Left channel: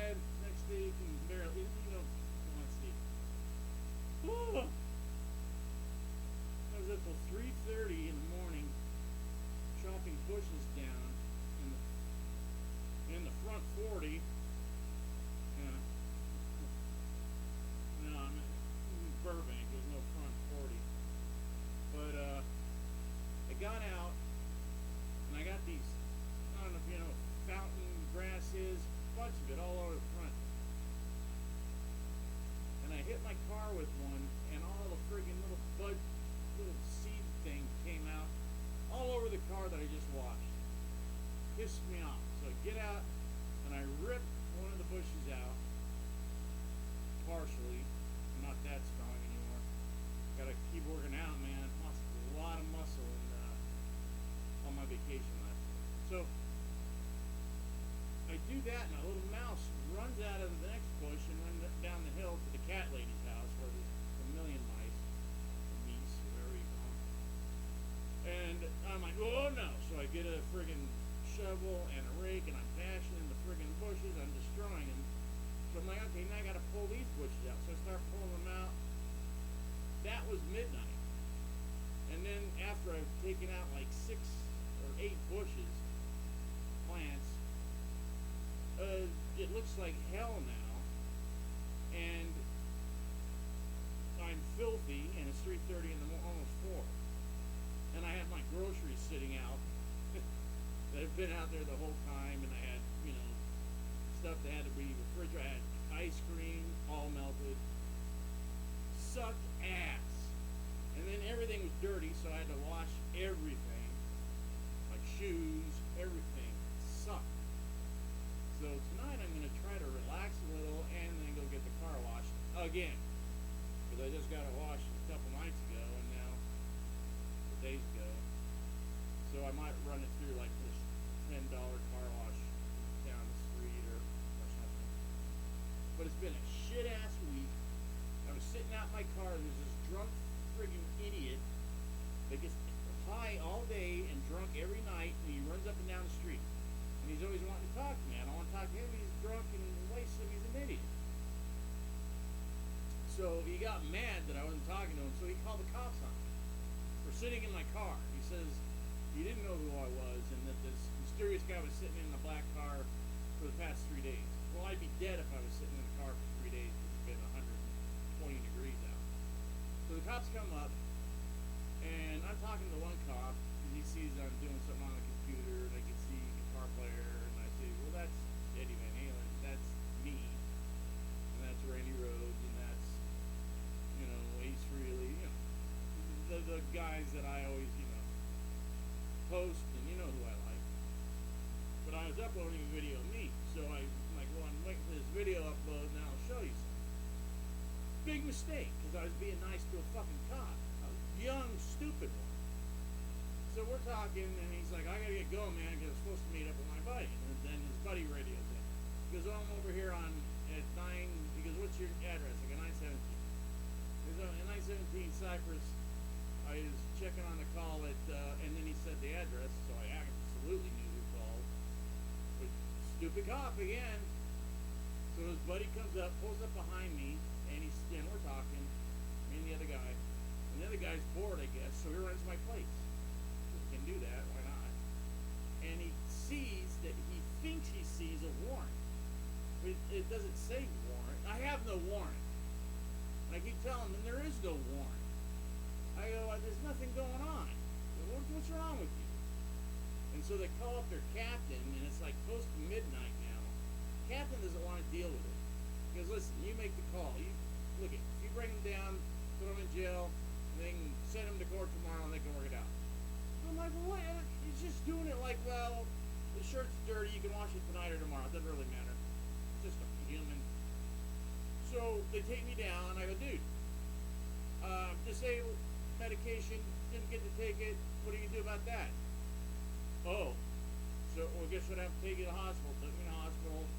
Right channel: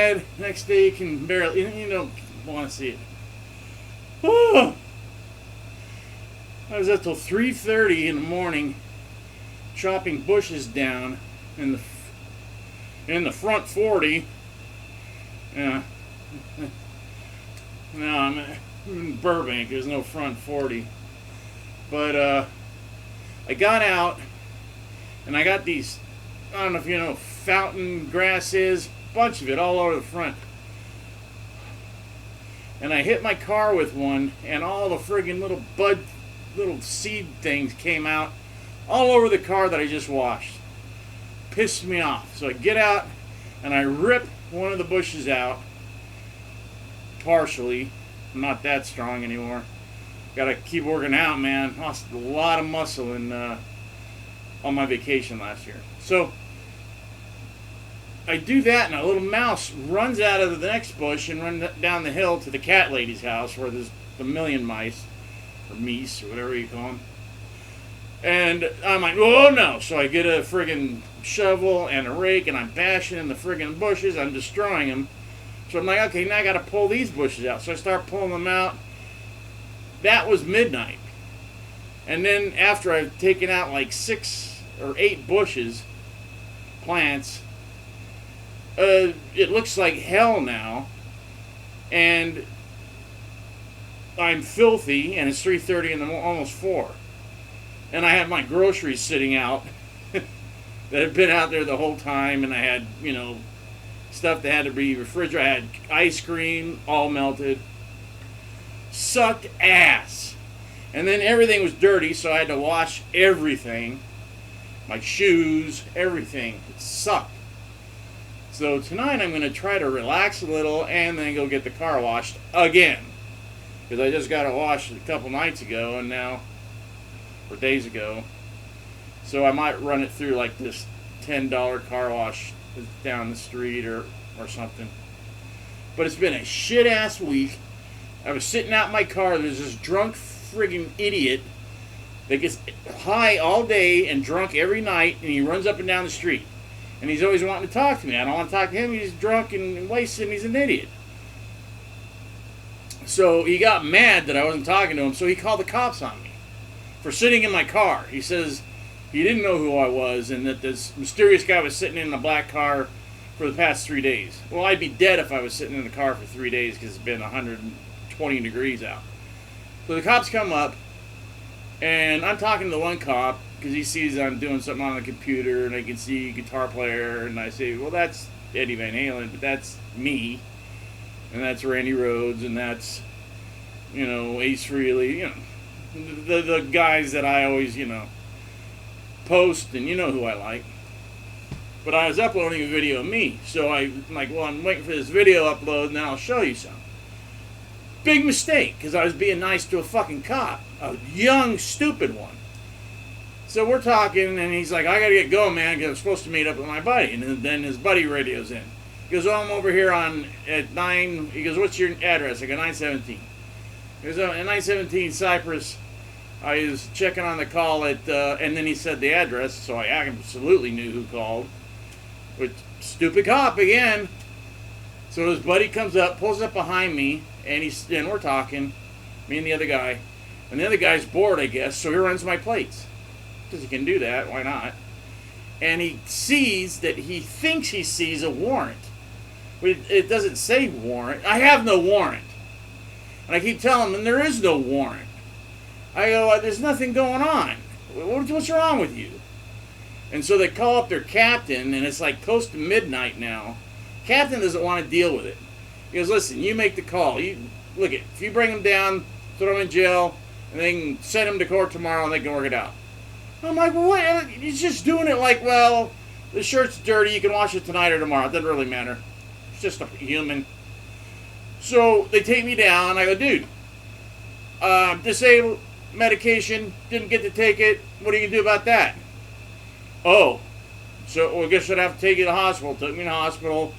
bed. Next day you can barely, you don't want to see it. Oh, I was up till 3:30 in the morning chopping bushes down in the front 40. Yeah. No, I'm in Burbank. There's no front 40. But I got out and I got these, I don't know if you know what fountain grass is, bunch of it all over the front. And I hit my car with one, and all the friggin' little seed things came out all over the car that I just washed. Pissed me off. So I get out and I rip one of the bushes out, partially. I'm not that strong anymore. Gotta keep working out, man. Lost a lot of muscle on my vacation last year. So I do that, and a little mouse runs out of the next bush and runs down the hill to the cat lady's house where there's a million mice, or meese, or whatever you call them. And I'm like, oh no. So I get a friggin' shovel and a rake, and I'm bashing in the friggin' bushes. I'm destroying them. So I'm like, okay, now I gotta pull these bushes out. So I start pulling them out. That was midnight. And then after I've taken out like 6 or 8 bushes, plants, it looks like hell now. And I'm filthy, and it's 3:30 in the morning, almost 4. And I have my groceries sitting out that had been out there the whole time, and I had, stuff that had to be refrigerated. I had ice cream, all melted. Sucked ass. And then everything was dirty, so I had to wash everything. My shoes, everything. It sucked. So tonight I'm going to try to relax a little and then go get the car washed again. Because I just got it washed a couple nights ago and now, or days ago. So I might run it through like this $10 car wash down the street or something. But it's been a shit ass week. I was sitting out in my car. There's this drunk friggin' idiot that gets high all day and drunk every night, and he runs up and down the street. And he's always wanting to talk to me. I don't want to talk to him. He's drunk and wasted, and he's an idiot. So he got mad that I wasn't talking to him, so he called the cops on me for sitting in my car. He says he didn't know who I was and that this mysterious guy was sitting in a black car for the past 3 days. Well, I'd be dead if I was sitting in the car for 3 days because it's been 120 degrees out. So the cops come up, and I'm talking to the one cop because he sees I'm doing something on the computer, and I can see guitar player, and I say, well, that's Eddie Van Halen, but that's me, and that's Randy Rhoads, and that's, Ace Frehley, the guys that I always, post, and you know who I like. But I was uploading a video of me, so I'm like, well, I'm waiting for this video upload, and then I'll show you some. Big mistake, because I was being nice to a fucking cop, a young, stupid one. So we're talking, and he's like, I gotta get going, man, because I'm supposed to meet up with my buddy. And then his buddy radios in. He goes, oh, I'm over here at 9, he goes, what's your address? I go, 917. He goes, oh, at 917 Cypress. I was checking on the call and then he said the address, so I absolutely knew who called. But stupid cop again. So his buddy comes up, pulls up behind me, and we're talking, me and the other guy. And the other guy's bored, I guess, so he runs my plates. Because he can do that, why not? And he thinks he sees a warrant. But it doesn't say warrant. I have no warrant. And I keep telling him, there is no warrant. I go, there's nothing going on. What's wrong with you? And so they call up their captain, and it's like close to midnight now. Captain doesn't want to deal with it. He goes, listen, you make the call. If you bring him down, throw him in jail, and they can send him to court tomorrow, and they can work it out. I'm like, well, what? He's just doing it like, well, the shirt's dirty, you can wash it tonight or tomorrow. It doesn't really matter. It's just a human. So they take me down. I go, dude, disabled, medication, didn't get to take it. What are you going to do about that? Oh, so I guess I'd have to take you to the hospital. Took me to the hospital.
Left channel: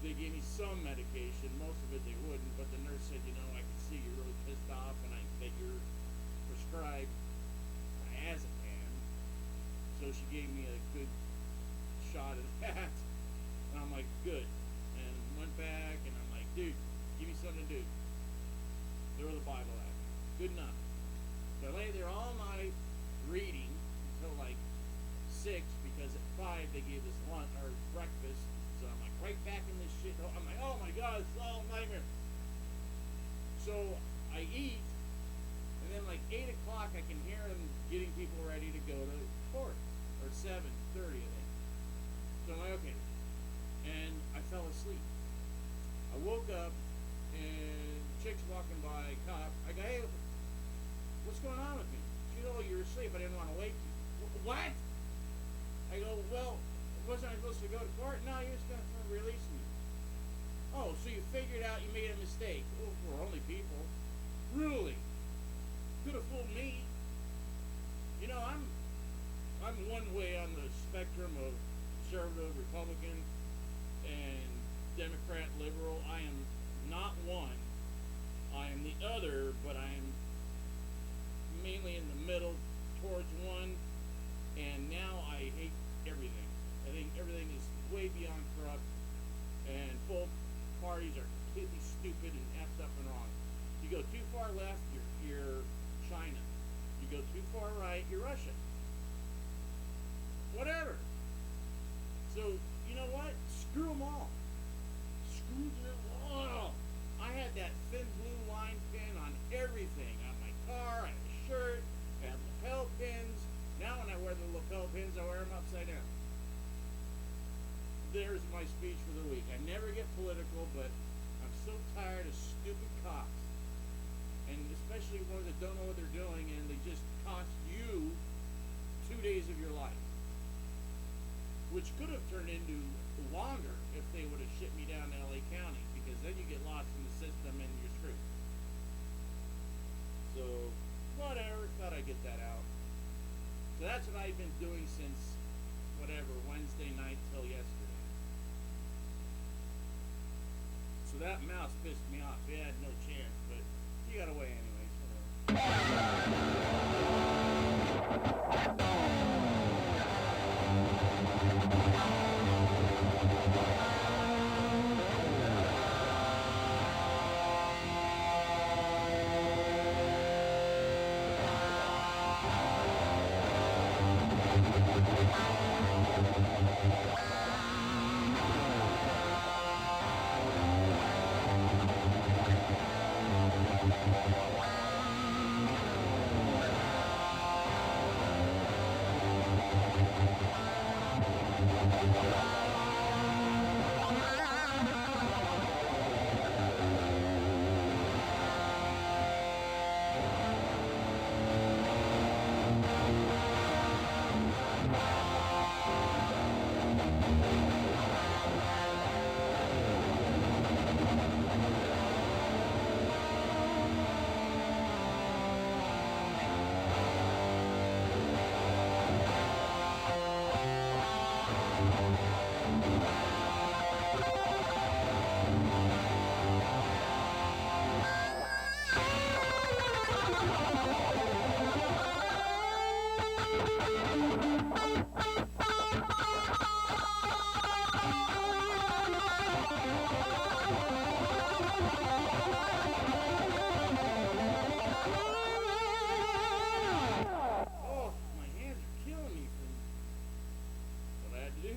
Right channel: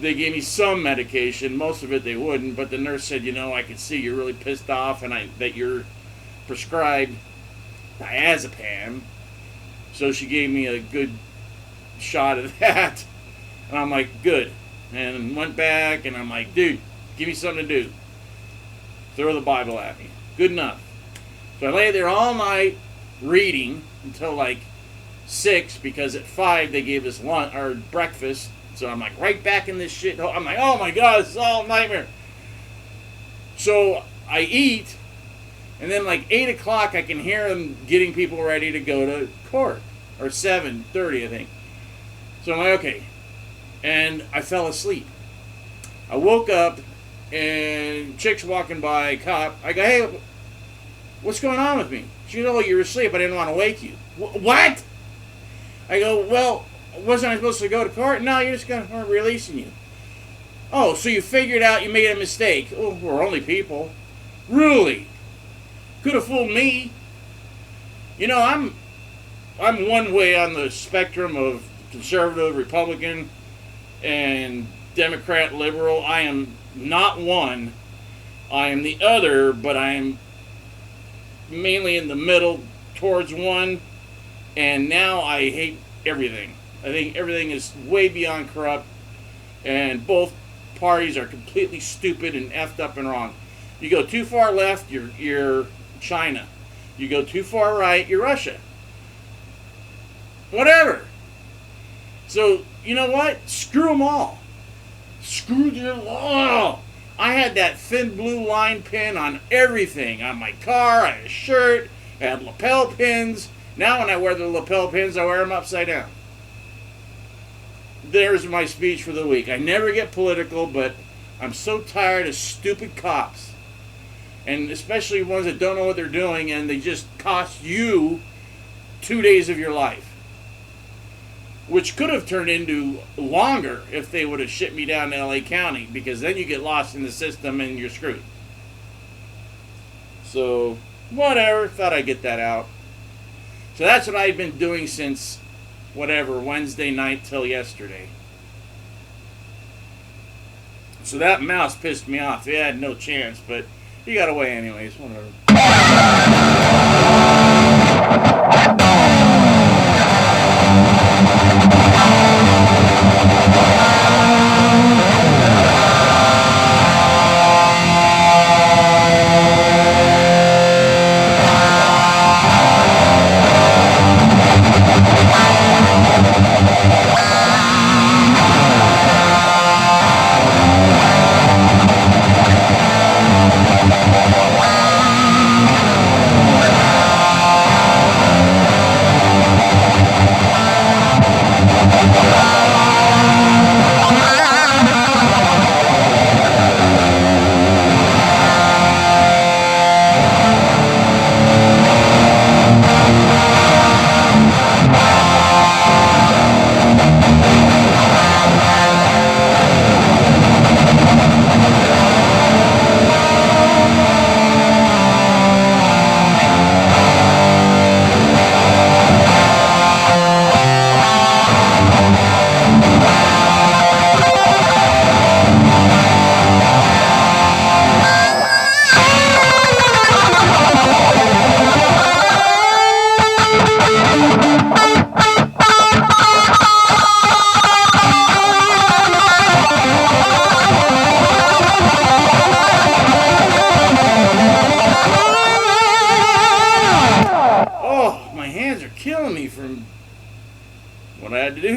They gave me some medication. Most of it they wouldn't, but the nurse said, I can see you're really pissed off and that you're prescribed diazepam. So she gave me a good shot of that. And I'm like, good. and went back, and I'm like, dude, give me something to do. Throw the Bible at me. Good enough. So I lay there all night reading until like 6, because at 5 they gave us lunch or breakfast. So I'm like right back in this shit. I'm like, oh my God, this is all a nightmare. So I eat, and then like 8 o'clock I can hear them getting people ready to go to court, or 7:30 I think. So I'm like, okay, and I fell asleep. I woke up, and chick's walking by, a cop. I go, hey, what's going on with me? She goes, oh, you were asleep. I didn't want to wake you. What? I go, well, wasn't I supposed to go to court? No, you're just going to releasing you. Oh, so you figured out you made a mistake. Oh, we're only people. Really? Could have fooled me. You know, I'm one way on the spectrum of conservative, Republican, and Democrat, liberal. I am not one. I am the other, but I am mainly in the middle towards one. And now I hate everything. I think everything is way beyond corrupt, and both parties are completely stupid and effed up and wrong. You go too far left, you're China. You go too far right, you're Russia. Whatever. So, you know what? Screw them all. Screw their law. I had that thin blue line pin on everything. On my car, I had a shirt, I had lapel pins. Now when I wear the lapel pins, I wear them upside down. There's my speech for the week. I never get political, but I'm so tired of stupid cops. And especially ones that don't know what they're doing, and they just cost you 2 days of your life. Which could have turned into longer if they would have shipped me down to LA County, because then you get lost in the system and you're screwed. So, whatever. Thought I'd get that out. So that's what I've been doing since, whatever, Wednesday night till yesterday. So that mouse pissed me off. They had no chance, but he got away anyways. Whatever.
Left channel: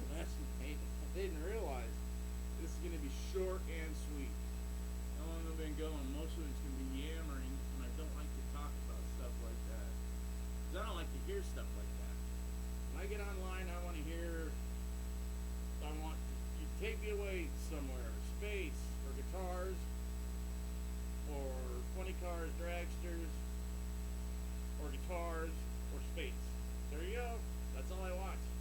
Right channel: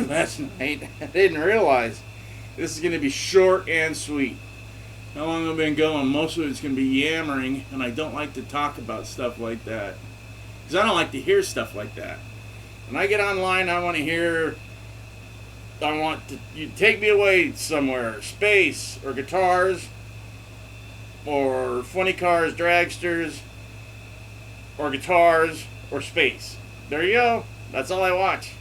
Last night, I didn't realize this is going to be short and sweet. How long I've been going? Most of it's going to be yammering, and I don't like to talk about stuff like that, because I don't like to hear stuff like that. When I get online, I want to hear. I want you take me away somewhere, space or guitars, or funny cars, dragsters, or guitars, or space. There you go. That's all I watch.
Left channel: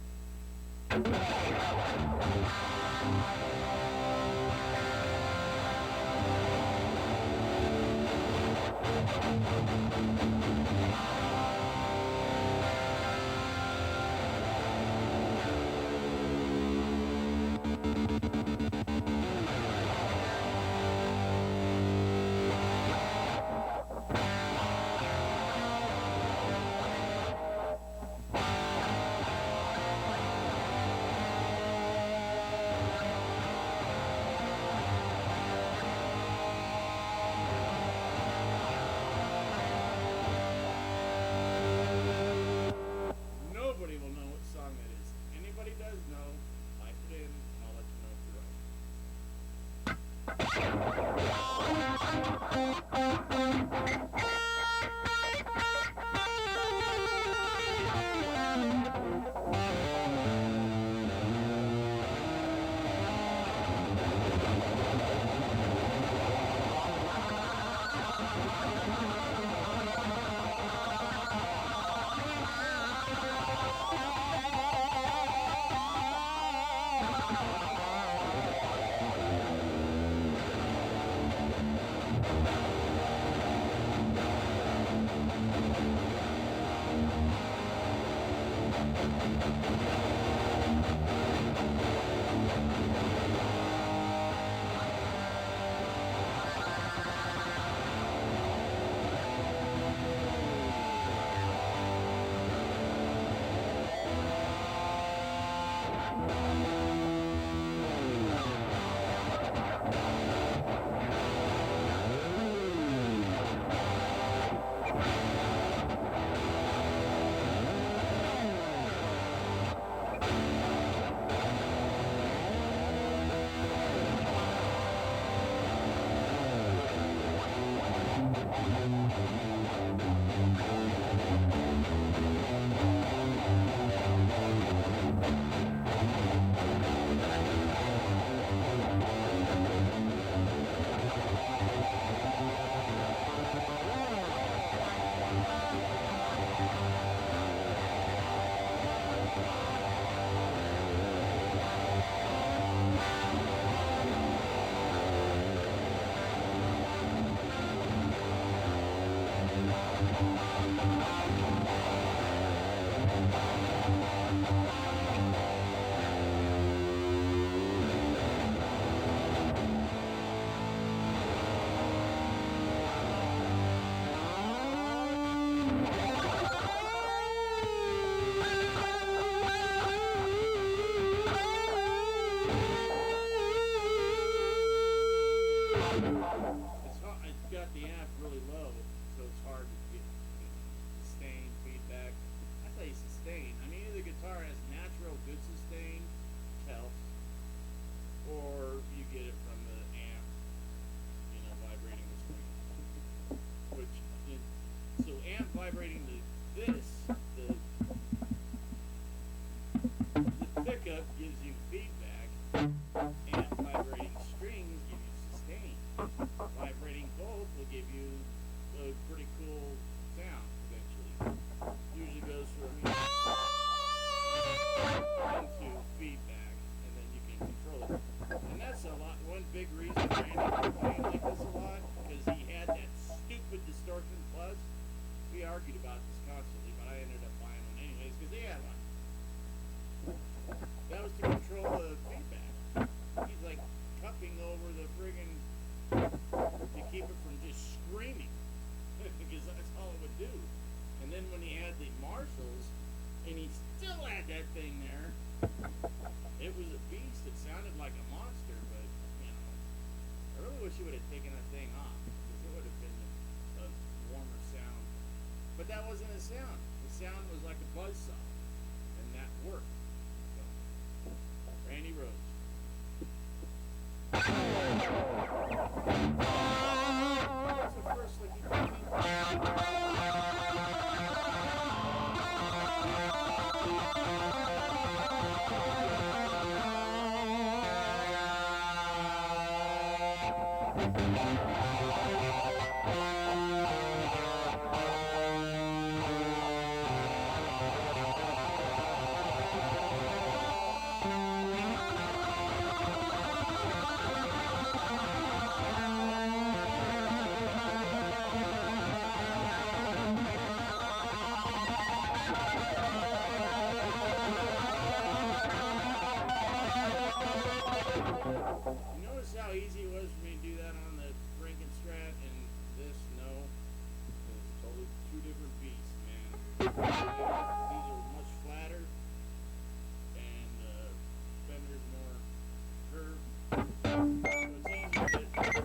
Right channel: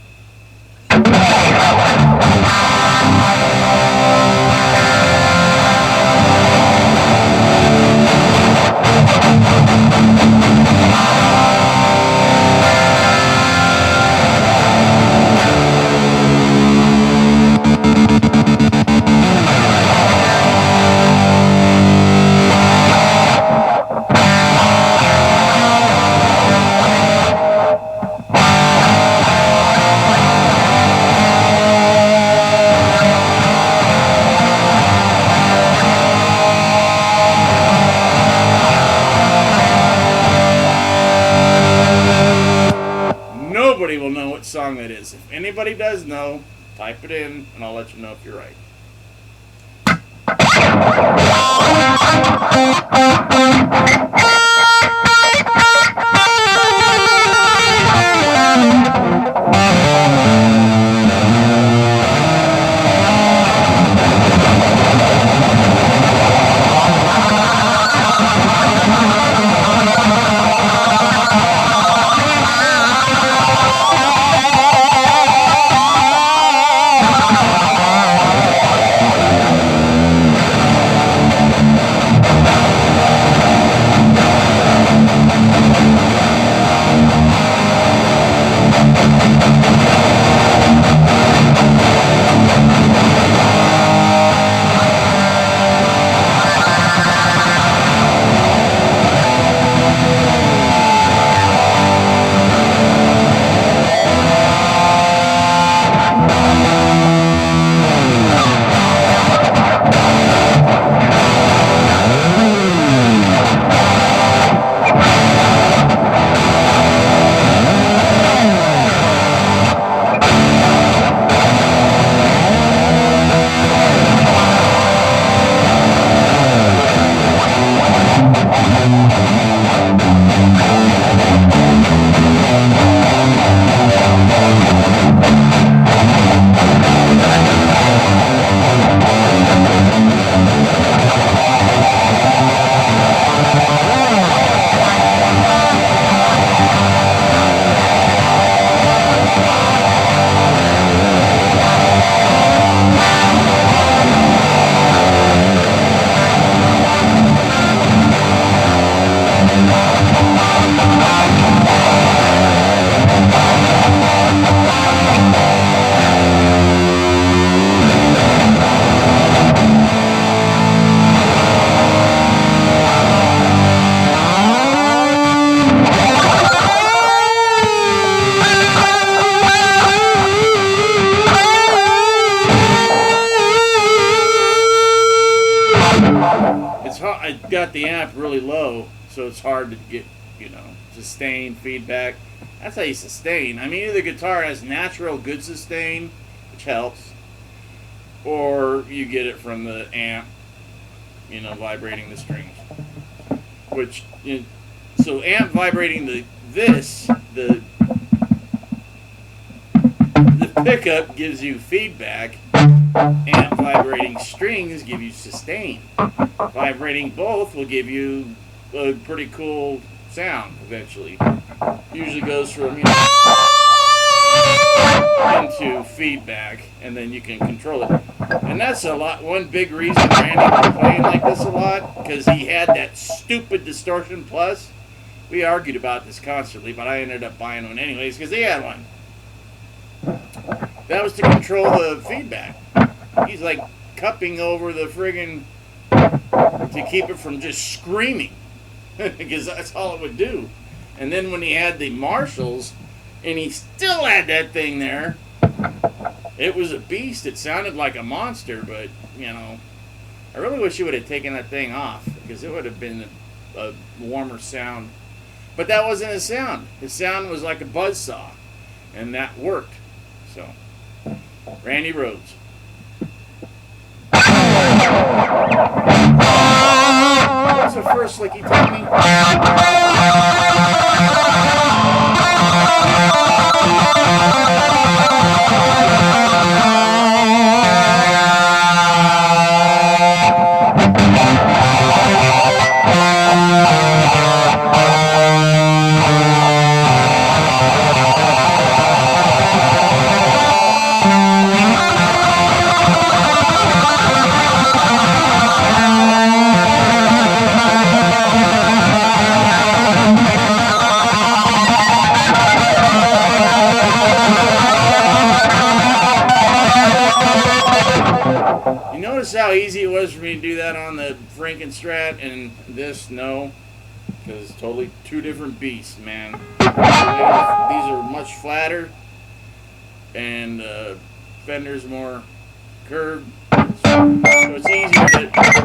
anybody does know, type it in, and I'll let you know if you're right. I got the amp really low, so it's hard to get, sustain, feedback. That's how you sustain. I mean, either the guitar has natural good sustain, which helps, or you get it from the amp, vibrating the strings. So amp vibrating the pickup gives you feedback. Amp vibrating strings give you sustain. Vibrating both will give you a pretty cool sound eventually. Usually goes from into feedback, and then you can control it. And that's one big reason Randy was playing like this a lot, because he had that stupid distortion plus. We argued about this constantly, but I ended up buying one anyways because he had one. That was to control the feedback. He's like cupping over the friggin' to keep it from just screaming, because that's all it would do. And then when he had the Marshalls, and he still had that thing there, it was a beast. It sounded like a monster, but I really wish he would have taken that thing off, because it would have been a warmer sound. But that wasn't his sound. His sound was like a buzzsaw, and that worked. So, Randy Rhoads. What's the first lick you told me? How easy it was for me to do that on the Frankenstrat, and this, no, because it's totally two different beasts, man. These are much flatter, and Fender's more curved, so it's easier to do stuff.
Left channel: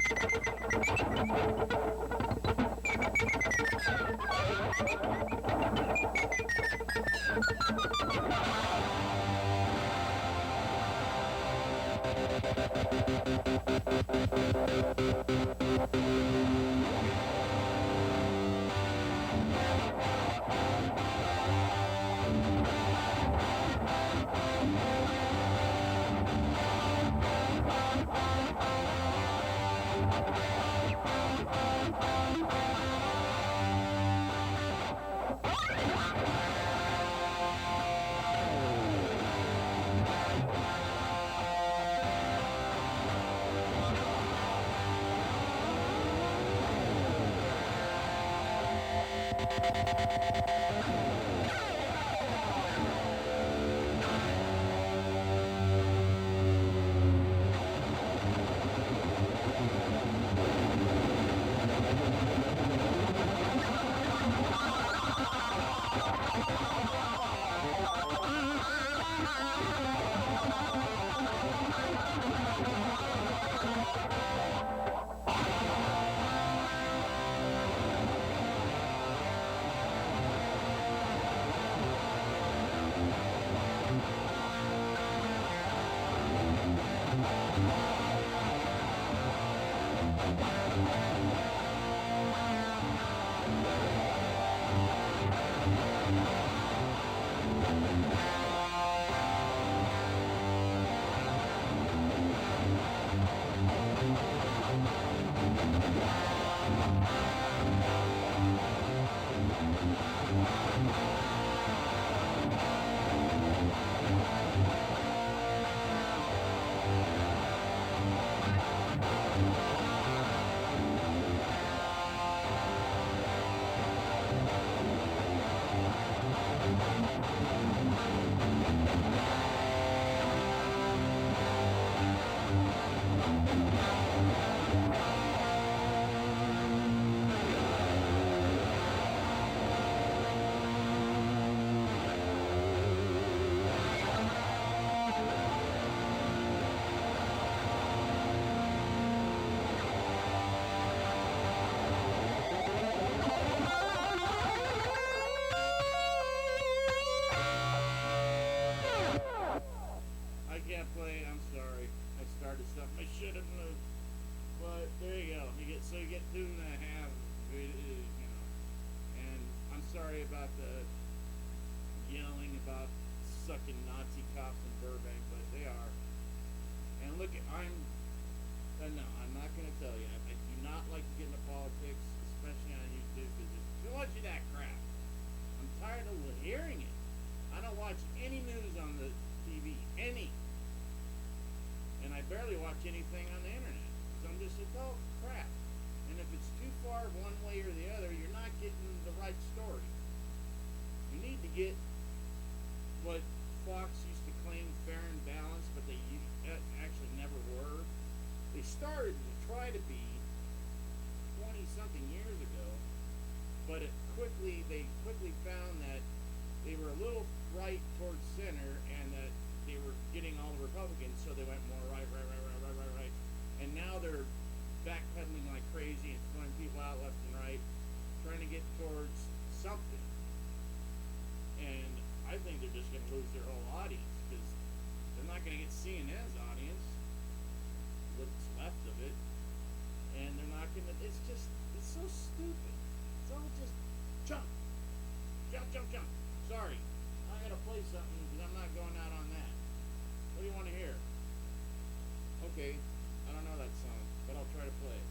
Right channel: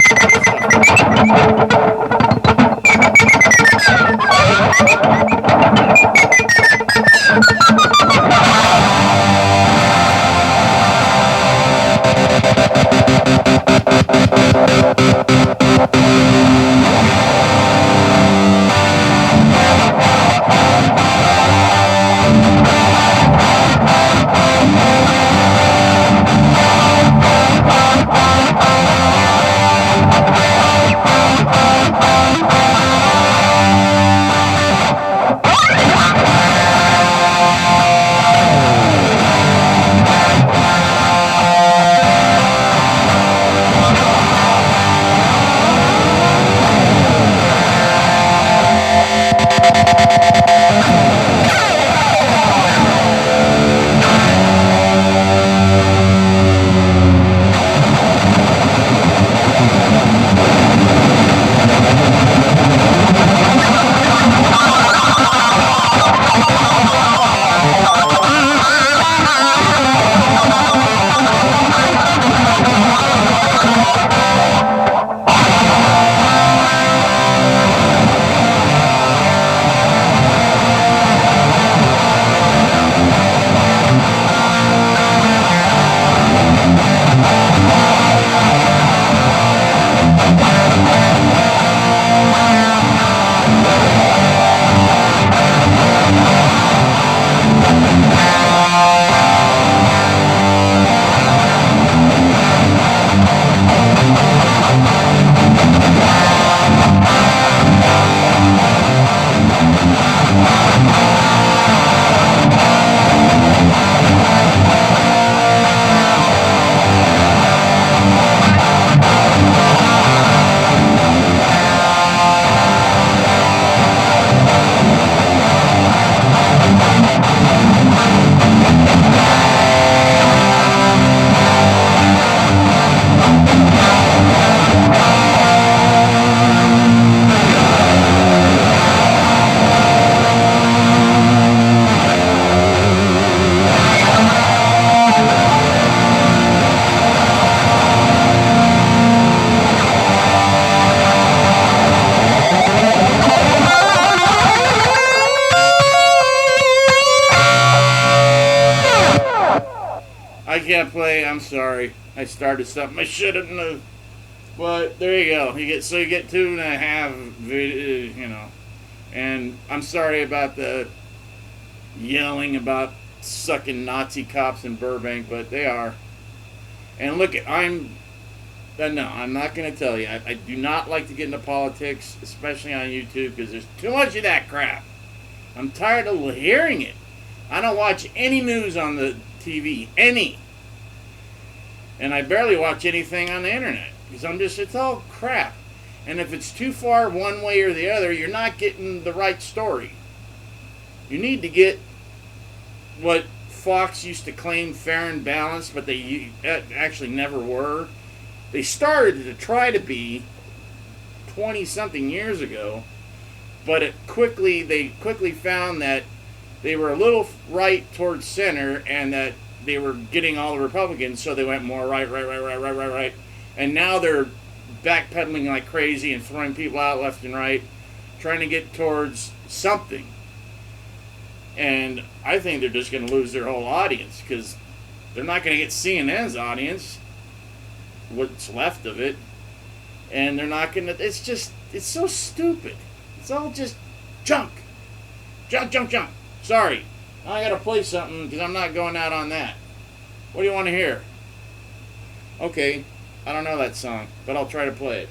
I'm sorry. I started something I shouldn't have. But there you go. You get 2.5 you know. And I'm sorry about the yelling about sucking Nazi cops in Burbank, but they are. And look, I'm not going to tell you. I do not like to get into politics, especially on YouTube, because there's too much of that crap. I'm tired of hearing it. I don't watch any news on the TV, any. And I barely watch anything on the internet, because it's all crap. And if it's too far one way or the other, you're not getting the right story. You need to get what Fox used to claim fair and balanced, but they actually never were. They started to try to be 20-something years ago, but they quickly found that they were a little right towards center, and that they were getting all the Republicans, so they went more right. And now they're backpedaling like crazy and throwing people out left and right, trying to get towards something. And I think they're just going to lose their whole audience, because they're not going to get CNN's audience, what's left of it, and they're not going to, it's so stupid. It's all just junk. Junk. Sorry, I got to play something, because I'm not going out on that. What do you want to hear? Okay, I don't know that song, but I'll try to play it.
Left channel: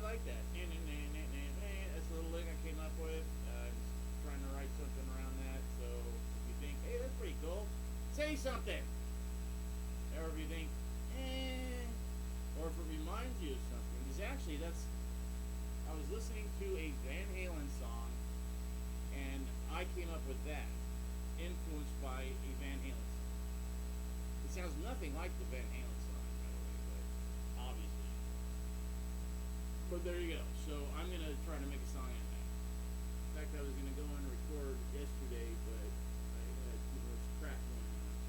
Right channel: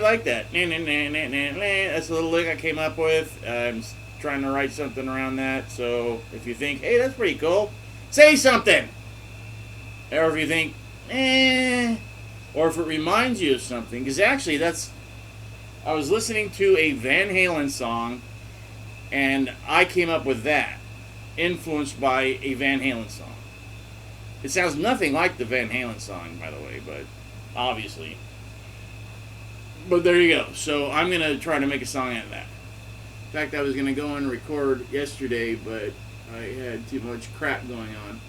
Like that. That's a little lick I came up with. I'm trying to write something around that. So if you think, hey, that's pretty cool, say something. Or if you think, or if it reminds you of something, because actually I was listening to a Van Halen song, and I came up with that, influenced by a Van Halen song. It sounds nothing like the Van Halen song, by the way, but obviously. But there you go. So I'm going to try to make a song out of that. In fact, I was going to go and record yesterday, but I had too much crap going on.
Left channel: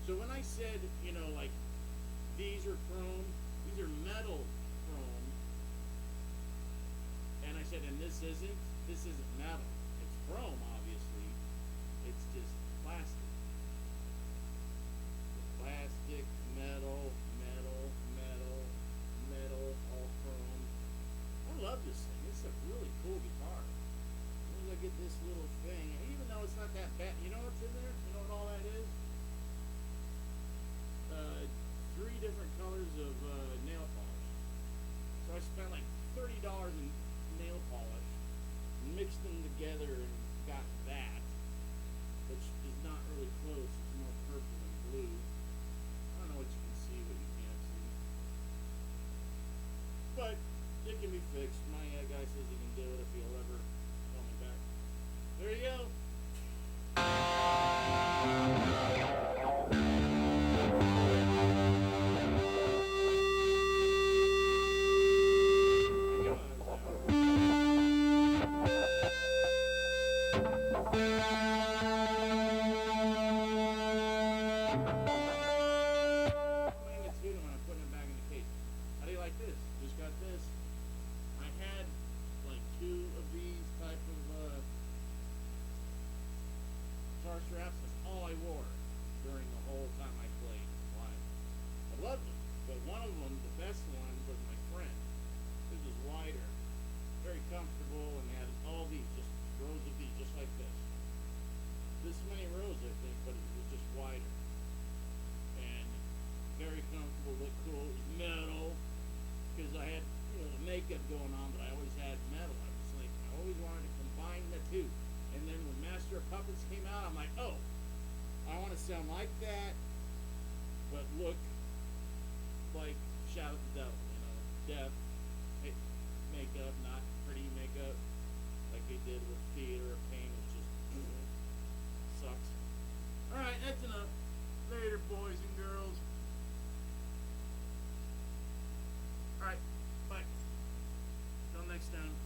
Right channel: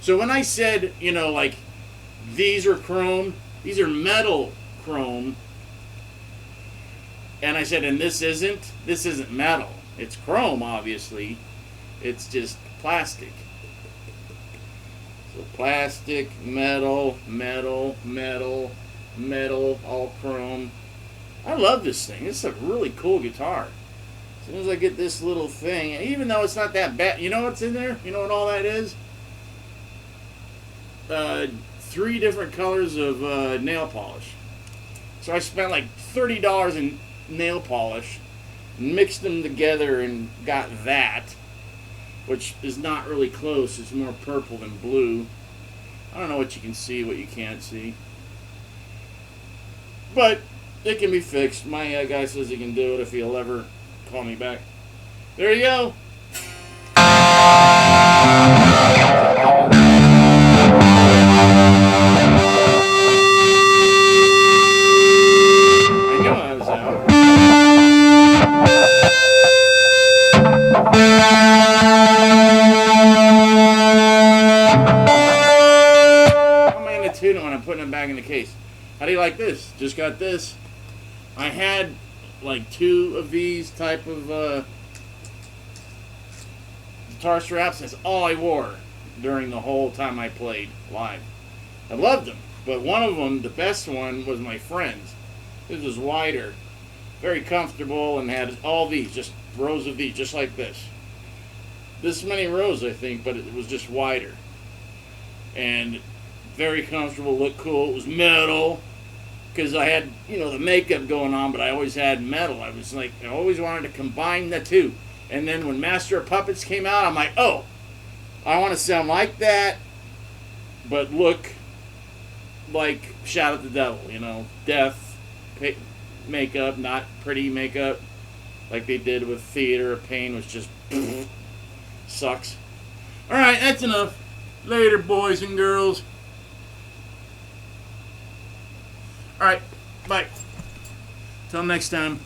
So when I said, like, these are chrome, these are metal chrome, and I said, and this isn't metal. It's chrome, obviously. It's just plastic. So plastic, metal, all chrome. I love this thing. It's a really cool guitar. As soon as I get this little thing, and even though it's not that bad, you know what's in there? You know what all that is? 3 different colors of nail polish. So I spent like $30 in nail polish, mixed them together, and got that, which is not really close. It's more purple than blue. I don't know what you can see, what you can't see. But it can be fixed. My guy says he can do it if he'll ever call me back. There you go. I knew I was out. How am I going to tune it when I'm putting it back in the case? How do you like this? Just got this. I had like 2 of these type of guitar straps. That's all I wore during the whole time I played live. I loved them, but one of them, the best one, was my friend's. This was wider, very comfortable, and had all these, just rows of these, just like this. This many rows, I think, but it was just wider. And very comfortable, looked cool. It was metal, because I had, the makeup going on, but I always had metal. I was like, I always wanted to combine the two. And then when Master of Puppets came out, I'm like, oh, I want to sound like that, but look like Shout at the Devil, death, makeup, not pretty makeup, like they did with Theater of Pain, which just sucks. Alright, that's enough. Later, boys and girls. Alright, bye. Till next time.